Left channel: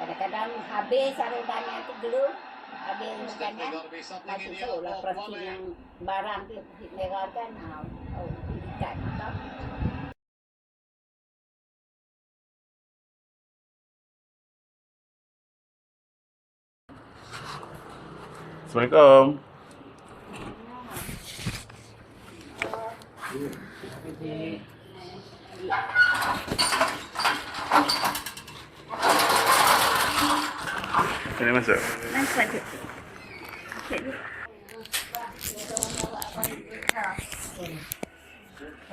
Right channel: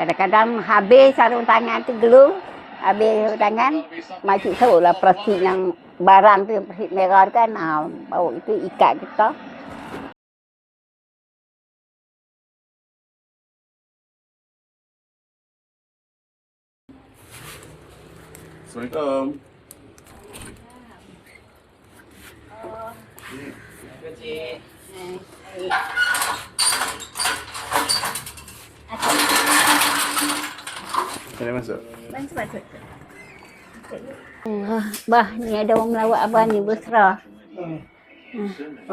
Kadang-kadang habis sarung tangan tu dulu. Habis sarung tangan, makcik tahulah plastik yang barang tu, plastik merah tu kan. Bawa itu ikat kita. Assalamualaikum. Boleh masuk? Bah, ni ada orang melawat abang ni, Busra.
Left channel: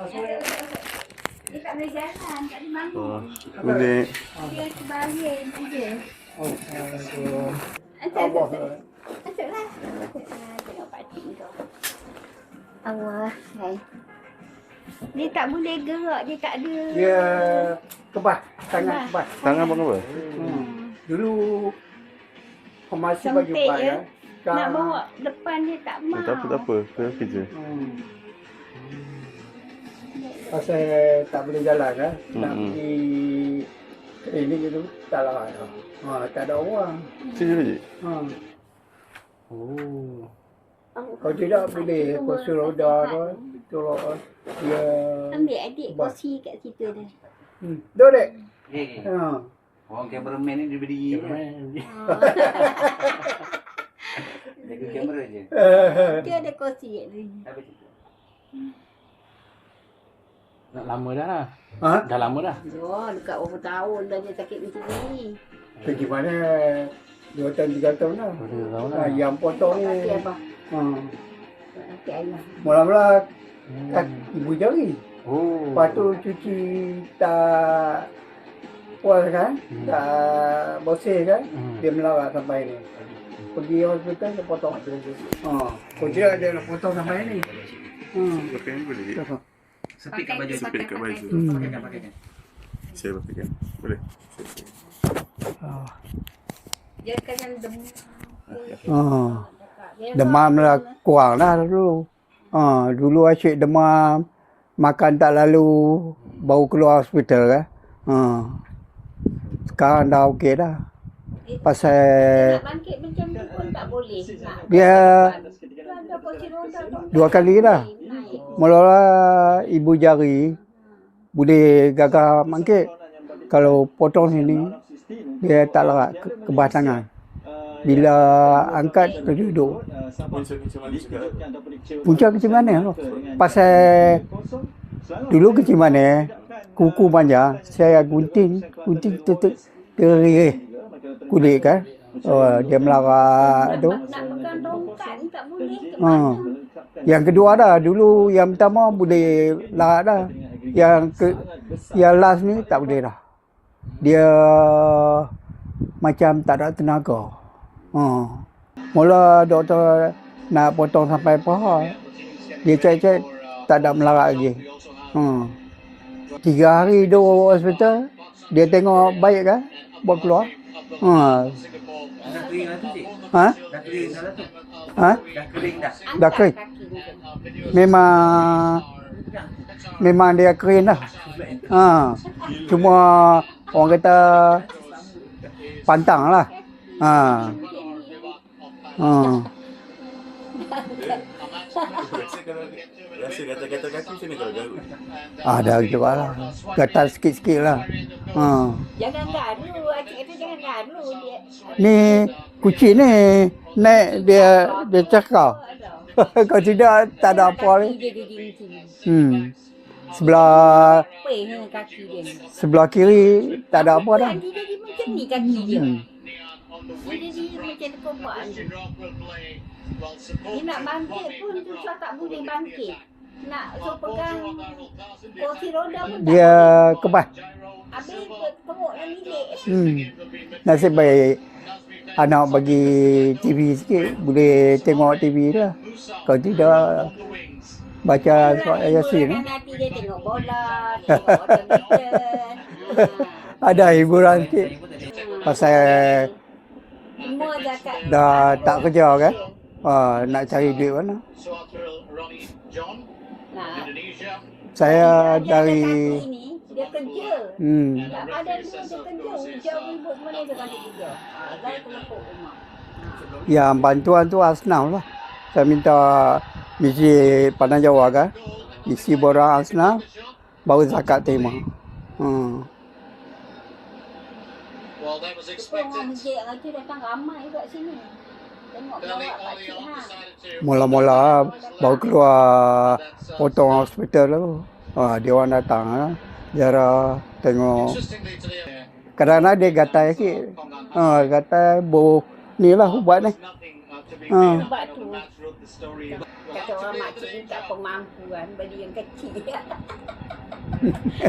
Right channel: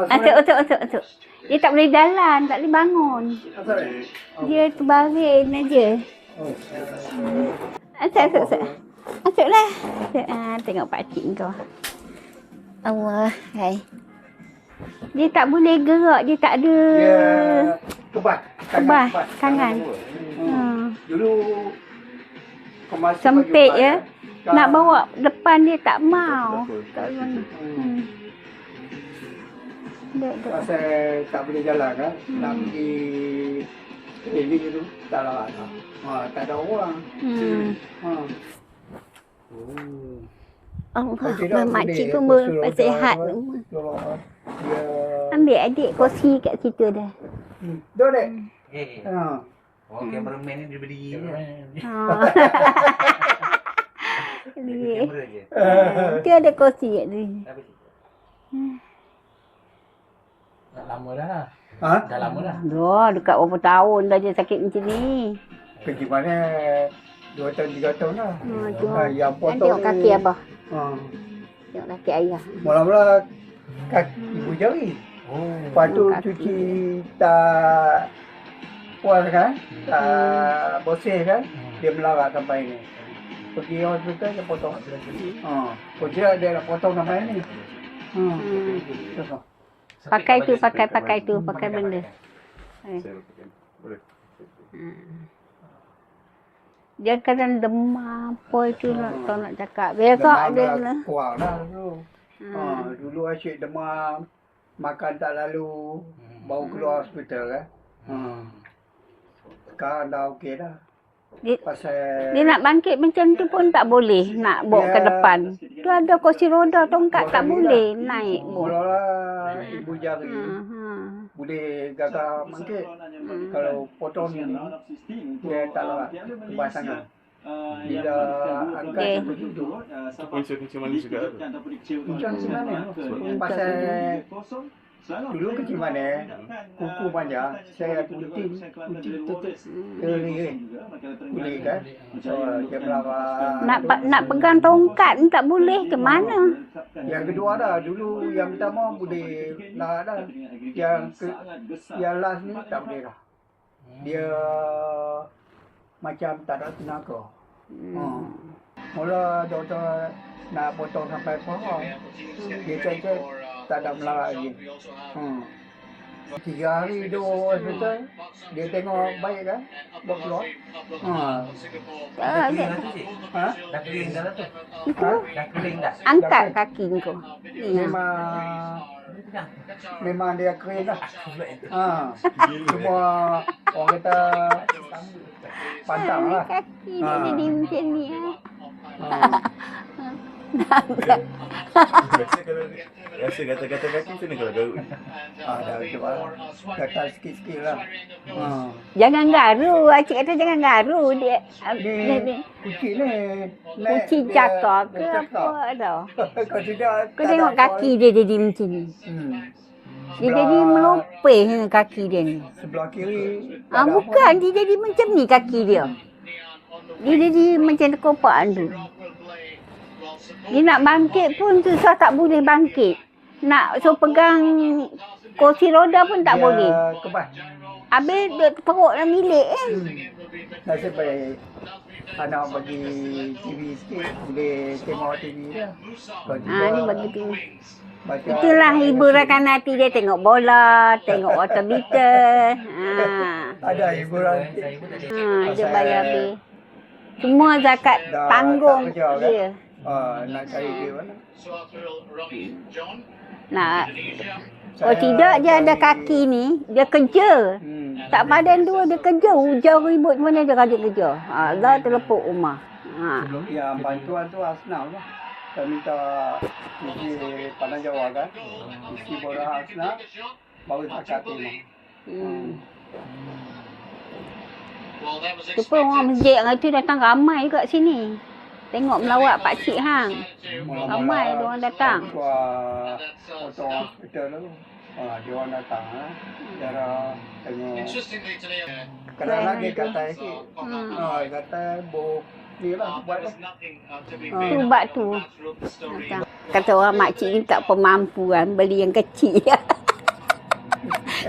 Asuk. Dia tak boleh jalan, tak boleh bangun. Boleh. Dia terbaring aja. Asuk. Asuklah. Tengok pakcik kau. Allah, hai. Dia tak boleh gerak, dia tak ada... Dia kebas, tangan kebas. Tangan. Dulu masa Sempit bagi ya. ubat, Nak bawa depan dia tak mau. Tak apa. Kerja. Pasal tak boleh jalan kan. Nak pergi klinik itu tak lah dah. Tak ada orang. Sini balik. Allah, makcik pun bersihat. Dia Ambil adik kursi kat situ dah. Duduk dek. Oh, cameraman ni dia berdiri je. Kamera je. Dia ada kursi kat dia. Nak lama dah lah. Ha? Dah lama dah. Dekat berapa tahun dah dia sakit macam ni. Pergi mana 2 tahun 3 tahun lah. Yang potong Tengok kaki apa? Tengok kaki ayah. Mula-mula ibu jari. Oh. Lepas tu cuci tak puas kan, tak bersih kan, dia melarat sampai ni. Pergi hospital dia potong. Kalau tidak dia nak potong sampai ni. Pakai benda. Saya berfikir. Boleh. Dia kadang demam apa itu nak cakap. Biasa Demam ada lah lah. kurang lah dulu. Dulu asyik demam, makan tak lalu, baru keluar hospital kan. Sekarang dah okey dah. Dia Pasal nak bangkit macam tu pun tak boleh nak bawa ke depan. Tu ada kursi roda tongkat 2 tak kali boleh dah. naik. Mula-mula ibu jari boleh gagal bangkit. Kalau potong sini, dia tak larat kebas tangan. Bila angkat tu duduk. Punca kecil mana? Pasal dulu kecil mana, kuku panjang, saya gunting tutup ke kulit kan. Dia melarat tu. Nak pegang tongkat ni tak boleh ke mana? Yang kedua dah, dulu yang pertama boleh larat dah. Yang last ni tak boleh dah. Dia macam tak ada tenaga. Mula doktor nak potong sampai paha. Dia cek tak ada melarat lagi. 3 hari duduk hospital, dia tengok baik kan, buat keluar. Ha? Ha? Dah kering dah lah tu. Ha? Dah kering dah. Angkat kering. kaki kau. Memang dia kering dah. Cuma orang kata pantang lah. Jadi macam ni. Rasa gatal-gatal kaki macam mana kalau garut? Ada juga lah. Gatal sikit-sikit lah. Jangan garu. Acik kata jangan garu. Ni kucing ni naik dia cakap. Kalau tidak Kau tak ada tengok apa. kaki dia jadi macam ni. Dia Sebelah jadi melopeh dengan kaki dia ni. sebelah kiri tak ada apa Bukan, dah. dia jadi macam ni kaki dia. Dia jadi macam terkopak tu. Dia nak bangkit pun susah, tak boleh bangkit. Nak pegang kursi roda pun tak boleh. Dia kebas. Habis dia perut dalam bilik Nasib baik anak bagi TV sikit, boleh tengok TV dia. Kalau tidak baca Itulah Yasin. hiburan hati dia, tengok bola, tengok water meter. Ada hiburan sikit. Pasal semua zakat dah tanggung tak kerja kan. dia. Nak cari duit mana. Nak Kalau tidak dia ada kaki ni, dia kerja. Tak badan dua dia kerja. Hujan ribut mana dia rajin kerja. Allah terlepuk rumah. Yang bantuan tu Asnaf lah. Saya minta misi Padang Jawa kan. Isi borang Asnaf, baru zakat terima. Tu pun orang masjid orang tu datang ramai kat sini. Tengok melawat pakcik hang. Mula-mula Ramai orang datang. baru keluar potong hospital tu. Dia orang datang lah. Ziarah tengok. Kadang-kadang dia gatal sikit. Gatal bau ni lah ubat ni. Ubat tu. Kata orang makcik ni tak pemampu kan beli yang kecil.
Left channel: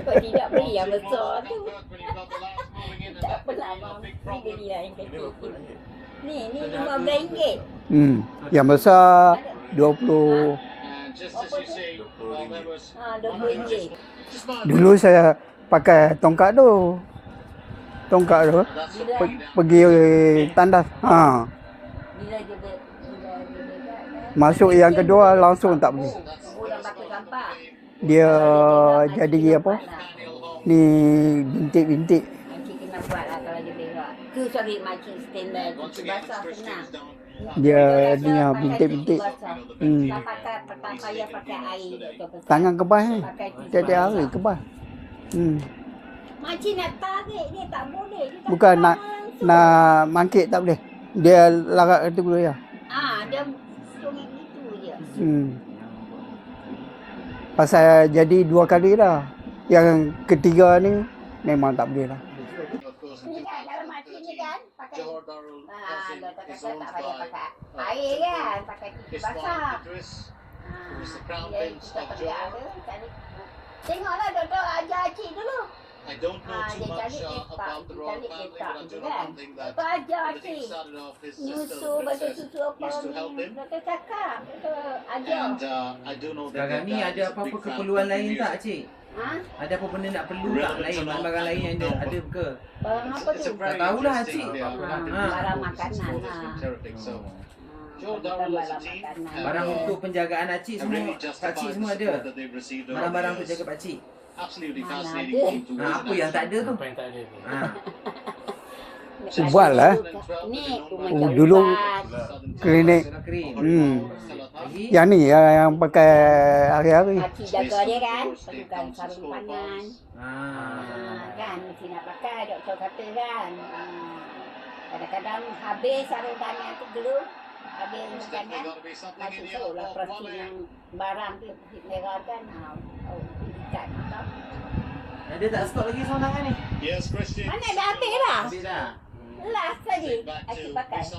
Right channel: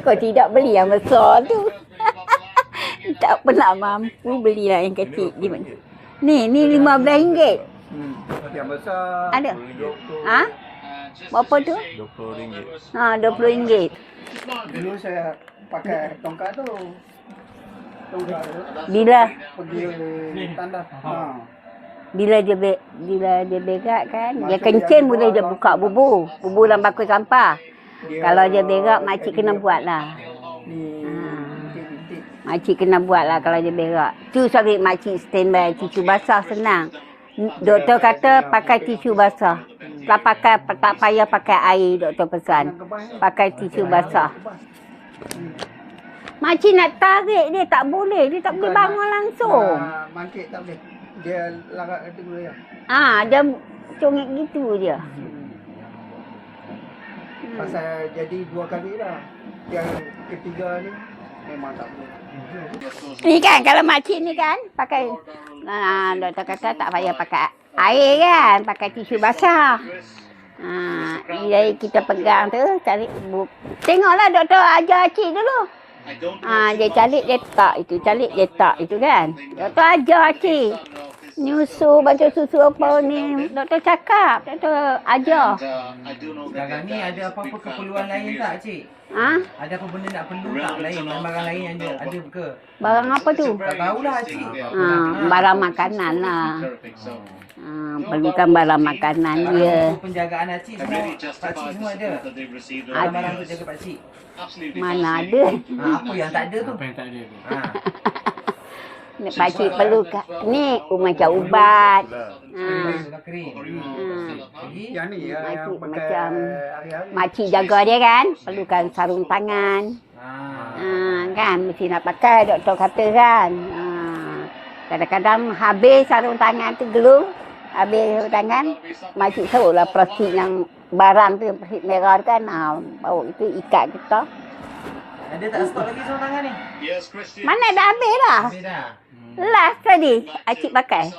Kau tidak beli yang besar tu. Tak pernah mampu belilah yang kecil. Di mana? Ni RM15. Yang besar Ada? 20. Berapa tu? RM20. Dulu saya pakai tongkat tu. Bila Pergi tandas. bila dia berak kan. Masuk dia yang kencing kedua boleh dia langsung buka tak bubur. Bubur dalam bakul sampah. Kalau dia berak makcik kena buat lah. Ni bintik-bintik. Makcik kena buat lah kalau dia berak. Tu sorry makcik standby tisu basah senang. Dia Doktor kata ni, pakai bintik-bintik. tisu basah. Tak payah pakai air doktor Tangan pesan. kebas ni. Pakai tisu basah. Kebas. Makcik nak tarik dia tak boleh. Dia tak Bukan boleh nak, bangun langsung. nak mangkit tak boleh. Dia larat itu dulu ya. Dia congit gitu dia. Pasal jadi 2 kali dah. Yang ketiga ni memang tak boleh dah. Ni kan kalau makcik ni kan pakai doktor kata tak payah pakai air kan, pakai tisu basah. Jadi kita pegang tu cari tengoklah doktor ajar cik dulu. Dia calik letak itu, calik letak itu kan. Doktor ajar cik. Nyusu, baca susu apa ni. Doktor cakap, doktor ajar. Sekarang ni ada apa-apa keperluan lain tak, Cik? Ada apa benda nak perlu tak lain? Barang lain yang ada ke? Barang apa tu? Tak tahulah, Cik. Barang makanan lah. Perlukan barang makanan Barang dia. untuk penjagaan Cik semua, Pakcik semua ada. Barang untuk jaga Pakcik. Mana ada. Apa yang tak ada tu? Pakcik Buat lah. perlukan. Ni macam Dulu- ubat. Klinik. Kering. Hmm. Yang ni yang pakai hari-hari. Pakcik jaga dia kan. Perlukan sarung tangan. Kan mesti nak pakai doktor kata kan. Kadang-kadang habis sarung tangan tu glue. Habis sarung tangan. Makcik tahulah plastik yang barang tu yang plastik merah tu kan. Bawa itu ikat kita. Ada tak stok lagi sarung tangan ni? Mana dah habis dah. Habis dah. Last tadi Acik pakai.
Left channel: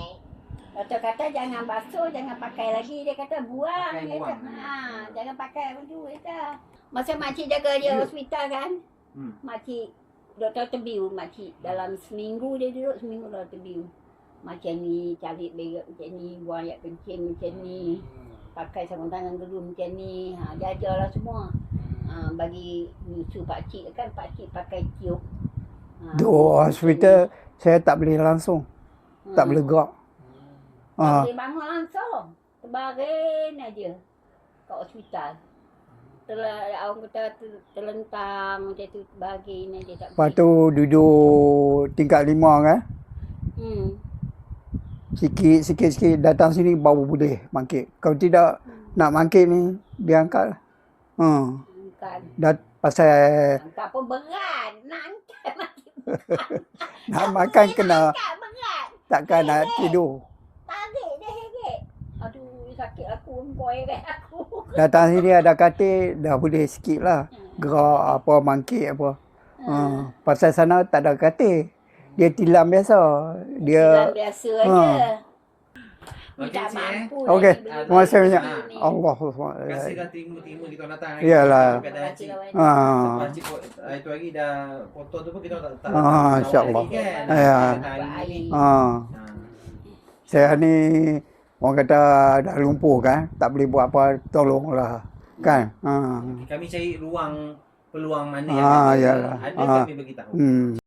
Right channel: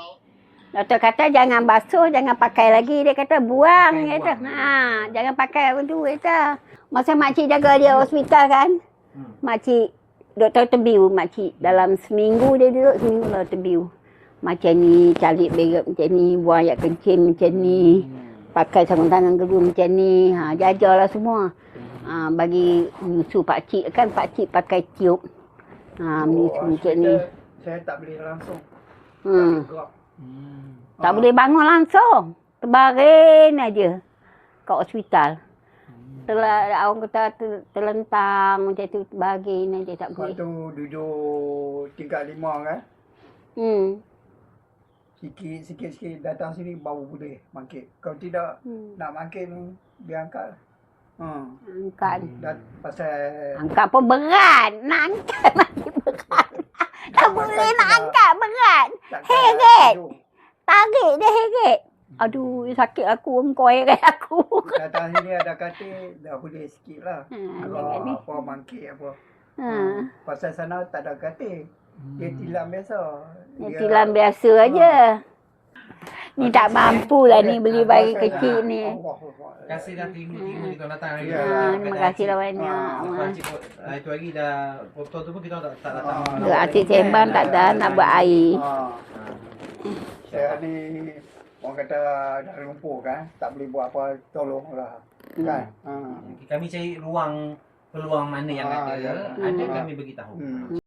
Doktor kata jangan basuh, jangan pakai lagi. Dia kata buang. Dia kata, jangan pakai apa tu. Dia kata. Masa makcik jaga dia hospital kan. Makcik, doktor terbiu makcik. Dalam seminggu dia duduk, seminggu lah terbiu. Macam ni, calik berak macam ni, buang air kencing macam ni. Pakai sarung tangan kedua macam ni. Dia ajarlah semua. Bagi nyusu pakcik kan, pakcik pakai tiup. Hospital saya tak boleh langsung. Tak boleh gerak. Tak boleh bangun langsung. Terbaring aja kat hospital. Orang kata terlentang macam tu, terbaring aja tak Lepas boleh. tu duduk tingkat 5 kan. Sikit-sikit datang sini baru boleh bangkit. Kalau tidak nak bangkit ni dia angkat. Angkat. Pasal Angkat pun berat. Nak angkat masih berat. nak makan Nak kena angkat berat. takkan nak Heret. tidur. Tarik dia heret. Aduh, sakit aku. Engkau heret aku. Datang sini ada katil dah boleh sikit lah. Gerak apa, bangkit apa. Pasal sana tak ada katil. Dia tilam biasa. Silam biasa aja. Ni tak mampu lah Okey. ni beli bayi Masa kecil ni. Allah. Terima kasih dah tengok kita datang. Iyalah. Terima kasih lah banyak. Pakcik itu lagi dah foto tu pun kita tak Atik sembang tak ada nak buat air. Saya ni orang kata dah lumpuh kan, tak boleh buat apa, tolonglah. Kan? Kami cari peluang mana yang Yalah. ada kami beritahu.